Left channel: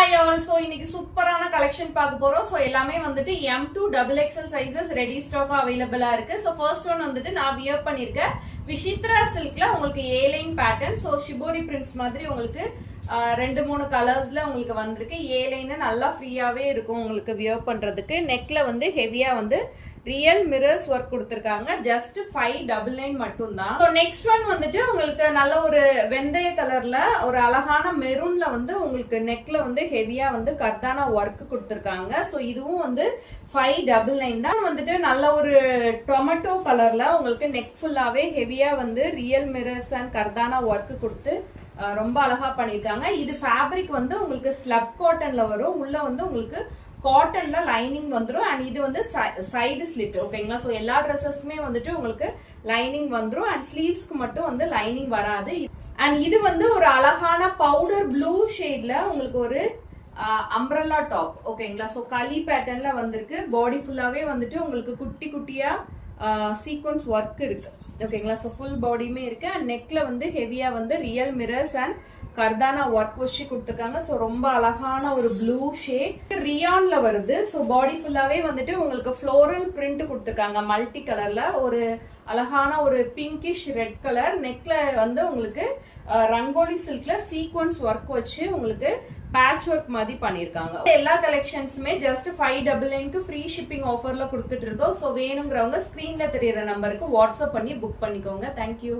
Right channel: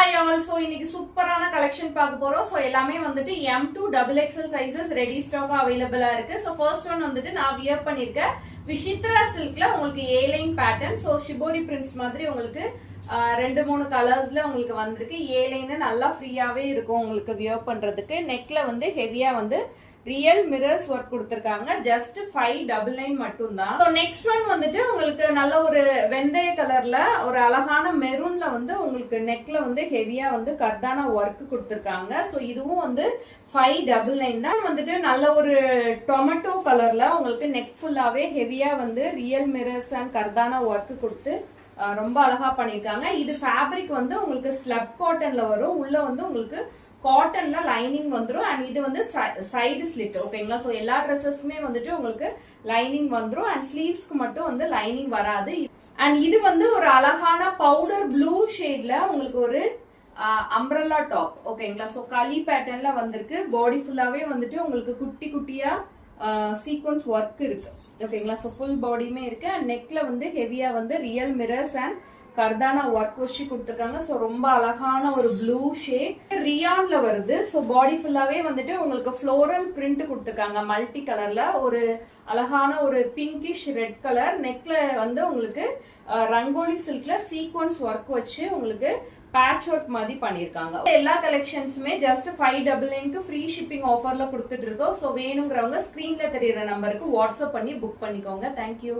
Hi all, so இன்னைக்கு சூப்பரான collection பார்க்க போறோம். சோ எல்லாமே வந்துட்டு M2 double XL sizes ready stock அவைலபிளா இருக்கு. சோ ஃபர்ஸ்ட் ஒன் வந்துட்டு நான் வியர் பண்ணிருக்கேன் விஷித்ரா சில்க்ல உங்களுக்கு A line pattern. So shibori prints மாதிரி உங்களுக்கு ரெண்டு மூணு கலர்ஸ்ல உங்களுக்கு வந்திருக்கு. A லைன் நல்லா ஃப்ரீயாவே இருக்கும் உங்களுக்கு வியர் பண்றதுக்கு. நெக்ல வந்து ஹெவியா வந்து ரியல் மிரர்ஸ் ஒர்க் கொடுத்திருக்காங்க. ஜஸ்ட் 599 மட்டும் தான். சோ நெக்ஸ்ட் ஒன் வந்துட்டு உங்களுக்கு நல்ல ஒரு வெந்தய கலர்ல ஒரு அழகான மெரூன்ல வந்து உங்களுக்கு நெக்ல வந்து ஹெவியா வந்து கர்தானா ஒர்க் கொடுத்திருக்காங்க. சோ இதுவும் வந்து 599 தான். வந்துட்டு நல்ல ஒரு டொமேட்டோ கலர்ல உங்களுக்கு நெக் ஃபுல்லாவே ஹெவியா வந்து ரியல் மிரர்ஸ் அண்ட் கர்தானா ஒர்க் கொடுத்து ரொம்ப அழகா பண்ணிருக்காங்க. இது ஃபேப்ரிக் வந்து உங்களுக்கு ஸ்லப் காட்டன்ல வரும். உள்ள வந்து உங்களுக்கு காட்டன்ல லைனிங் வந்துடும். அண்ட் இது வந்து சைடு ஸ்லிட் ஓகேங்களா. சோ எல்லா ட்ரெஸ்ஸஸ்க்குமே வந்துட்டு உங்களுக்கு லைனிங் வந்துடும். அண்ட் ஸ்லீவ்ஸ்க்கு மட்டும் வந்து லைனிங் வராது. அண்ட் இது வந்து ஒரு அழகான பவுடர் ப்ளூ ஷேட்ல உங்களுக்கு ஒரு அம்ப்ரெல்லா டாப் ஓகேங்களா. சோ களி பேட்டர்ன்ல வந்திருக்கு. பாடி ஃபுல்லாவே வந்துட்டு உங்களுக்கு குட்டி குட்டியா சீக்வன்ஸ் ஒர்க் இருக்கு ஓகேங்களா. சோ ஃபுல் பாடியுமே இருக்கு. அண்ட் நெக்ல வந்து ஹெவியா வந்து ரியல் மிரர்ஸ் அண்ட் கர்தானா ஒர்க் வச்சு கொடுத்துருக்காங்க. சோ ரொம்ப அழகான ஒரு ப்ளூ ஷேட் ரியான்ல வருது. சோ பாடி ஃபுல்லாவே வந்துட்டு உங்களுக்கு ஃப்ளோரல் பிரிண்ட் கொடுத்துருக்காங்க மல்டி கலர்ல. ஒரு அழகான ஒரு பிங்கிஷ் ரெட் கலர். நெக்ல வந்து உங்களுக்கு ரங்கோலி சில்க்ல சீக்வன்ஸ் ஒர்க் வச்சு உங்களுக்கு பேட்ச் ஒர்க் மாதிரி பண்ணிருக்காங்க. எல்லா கலெக்ஷன்ஸுமே ஜஸ்ட் 599 ஃப்ரீ ஷிப்பிங் ஆஃபர்ல கொடுத்துட்டு இருக்கோம். சோ வேணுங்கிறவங்க ஸ்கிரீன்ல தெரியற நம்பருக்கு வாட்ஸ்அப் பண்ணி புக் பண்ணிக்கோங்க. தேங்க்யூ.